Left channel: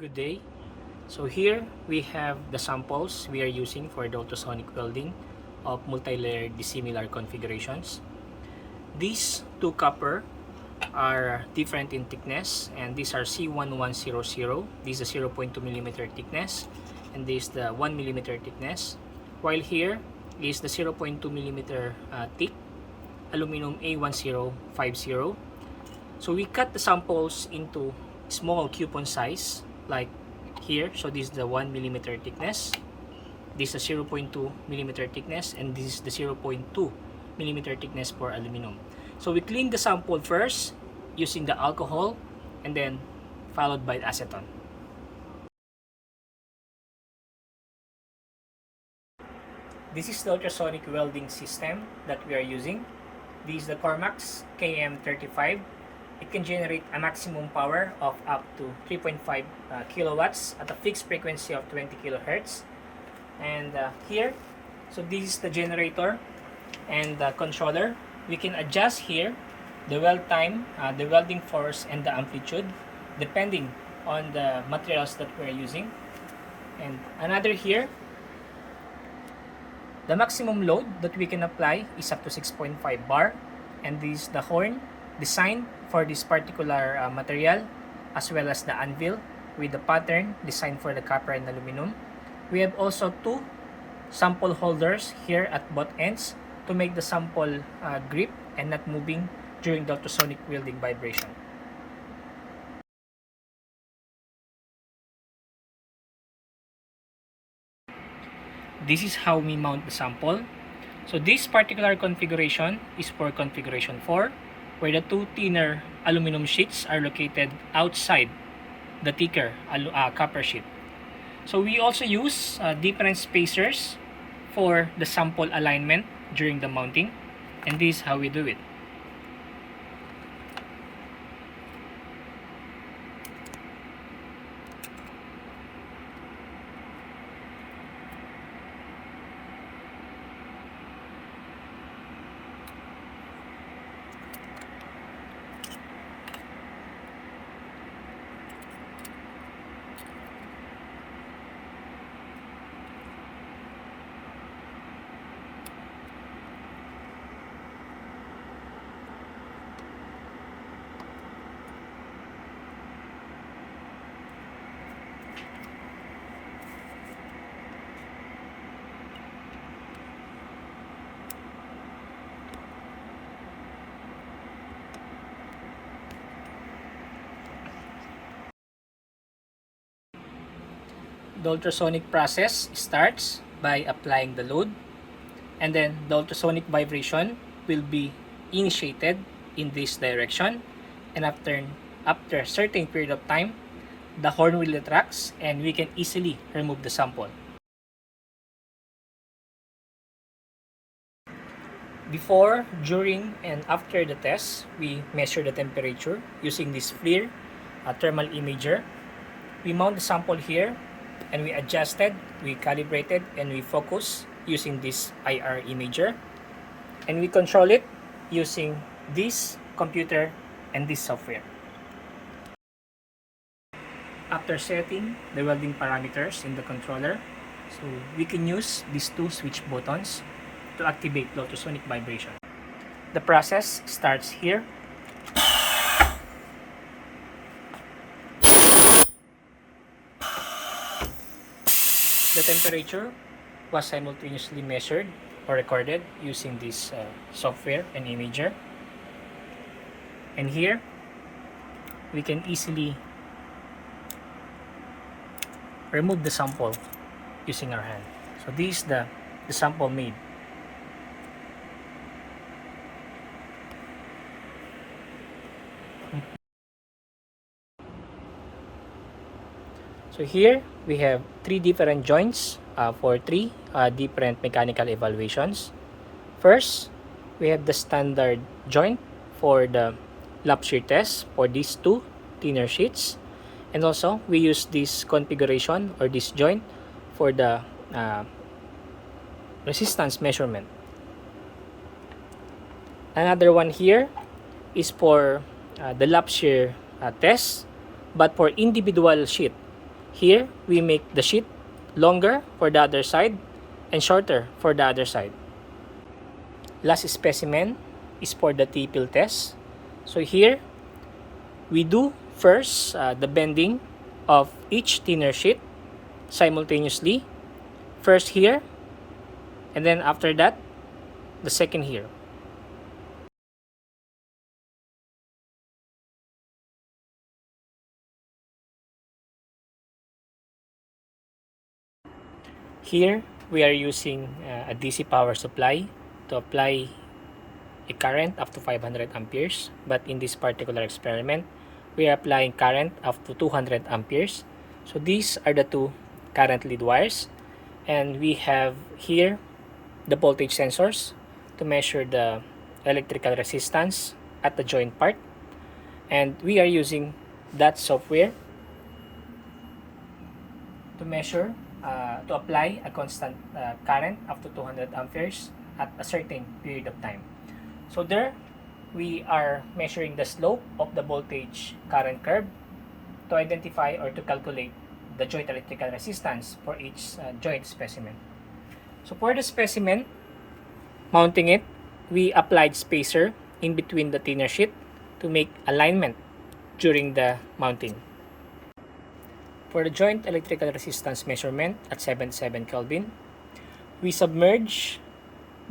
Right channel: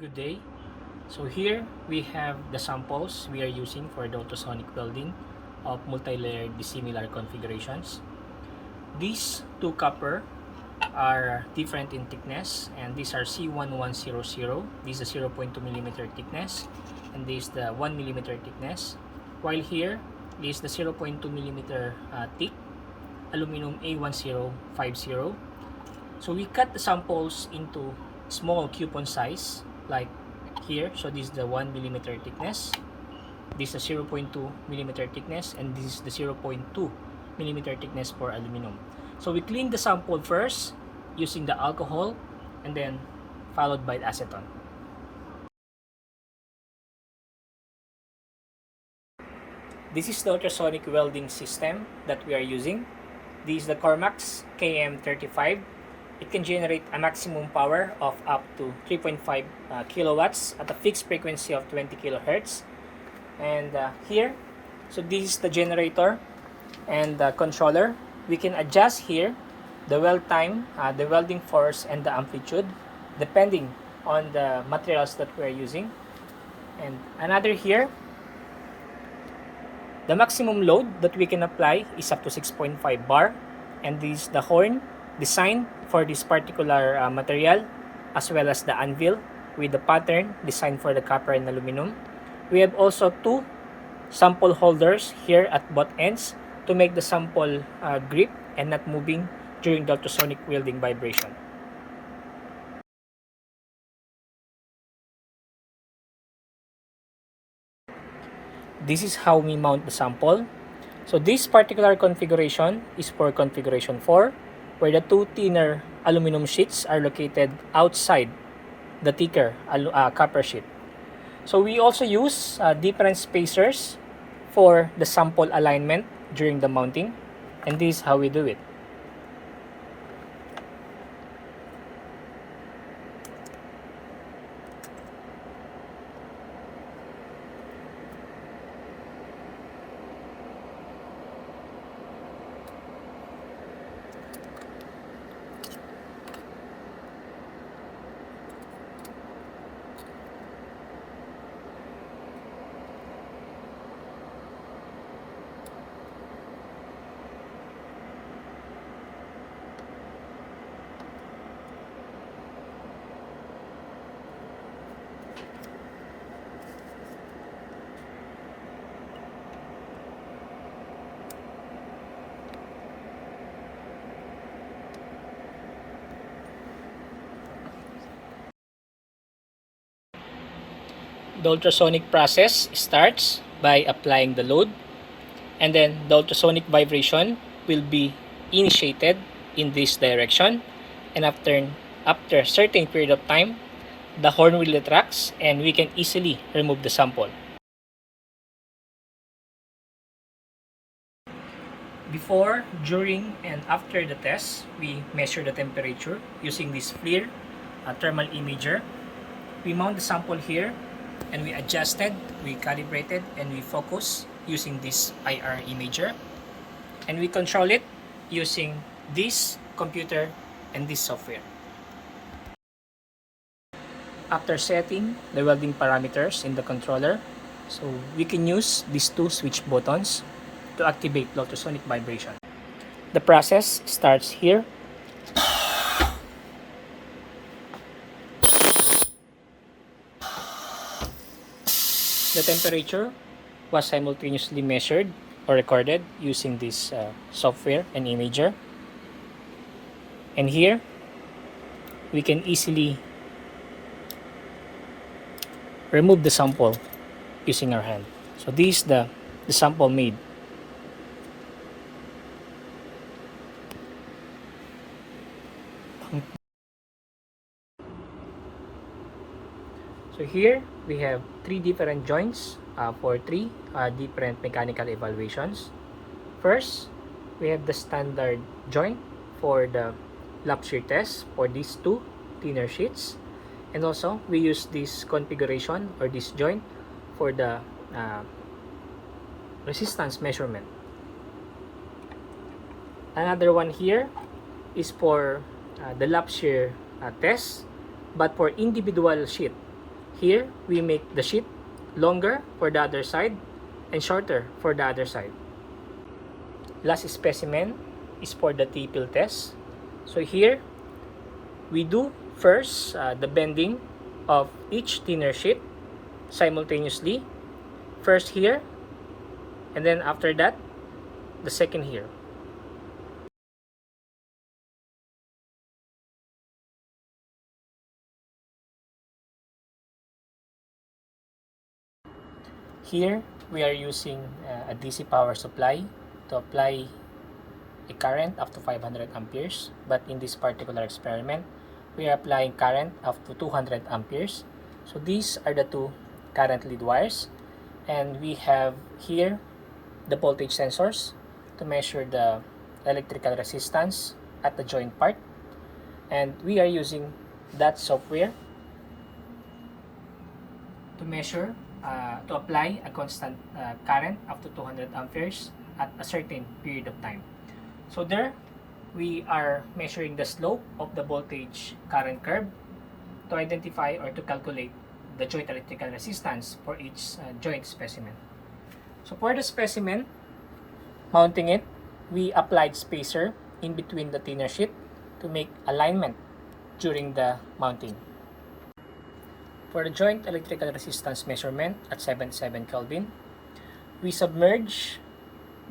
Good day. So here we have the samples we are using for the ultrasonic welding of multi-layered dissimilar configurations. These two copper are different in thickness, and these are C1100. This is a 0.2 millimeter thickness, and this is the 1 millimeter thickness. While here is the 0.2 millimeter thick aluminum A1050. So we cut the samples into small coupon size, like here. So this is the 1 millimeter thickness, this is the 0.2 millimeter thickness, and this is the 0.2 millimeter thickness for aluminum. So we clean the sample first using the alcohol, and then followed by acetone. This is the ultrasonic welding system that we are using. This is the Cormax KM35. It can generate a maximum power of up to 3.5 kilowatts at a fixed frequency of 20 kilohertz. And here, so this is the generator and the controller. We can adjust here the weld time, the welding force, and the amplitude depending on the materials that we are using. And another here, the maximum load that we can apply is up to 6.5 bar, and this is the horn designed for this particular material, as well as the anvil with the pattern designed for the copper and aluminum. We have also two sample holders here at both ends to make the sample grip and not moving during the ultrasonic welding vibration. This is how we mount the sample. So this particular configuration is for configuration 4, where the two thinner aluminum sheets are located outside the thicker copper sheet. So we also use different spacers for the sample alignment during the mounting, and this is how we do it. The ultrasonic process starts by applying the load, and then the ultrasonic vibration will be initiated in this direction, and after a certain period of time, the horn will retract and we can easily remove the sample. Before, during, and after the test, we measure the temperature using this FLIR thermal imager. We mount the sample here, and we adjusted, we calibrated, and we focus using this IR imager. And we control it using this computer and this software. After setting the welding parameters in the controller, so we can use these two switch buttons to activate the ultrasonic vibration. The process starts here. The temperature was simultaneously measured or recorded using this software and imager. And here, we can easily remove the sample using our hand. So this is the sample made. So here we have three different joints for three different mechanical evaluations. First, we have the standard joint for the lap shear test for these two thinner sheets, and also we use this configuration or this joint for the resistance measurement. Another one here is for the lap shear test, but for individual sheet. Here, we make the sheet longer for the other side and shorter for the other side. Last specimen is for the T-pill test. So here, we do first the bending of each thinner sheet simultaneously. First here, and then after that, the second here. Here, we are using a DC power supply to apply a current up to 500 amperes. But in this particular experiment, we are applying current up to 200 amperes. So these are the two current lead wires. And we have here the voltage sensors to measure the electrical resistance at the joint part. And we are using that software to measure, to apply a constant current up to 200 amperes at a certain period of time. So there, we are measuring the slope of the voltage current curve to identify or to calculate the joint electrical resistance for each joint specimen. So for the specimen, mounting it, we applied spacer in between the thinner sheet to make alignment during the mounting. For the joint electrical resistance measurement at 77 Kelvin, we submerge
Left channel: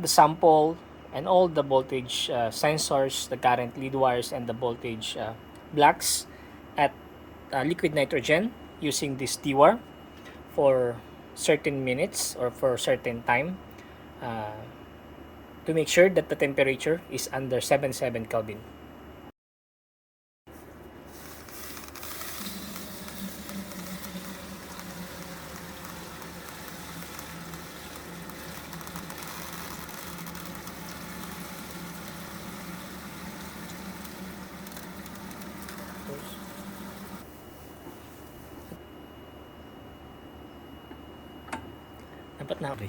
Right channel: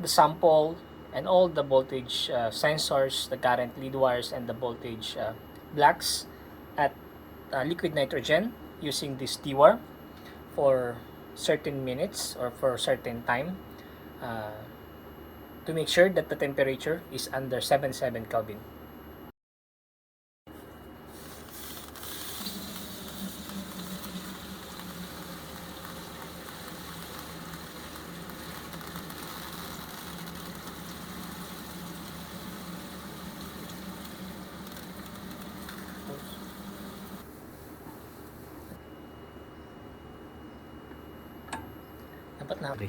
the sample and all the voltage sensors, the current lead wires, and the voltage blocks at liquid nitrogen using this deworm for certain minutes or for certain time to make sure that the temperature is under 77 Kelvin. Dapat na, okay.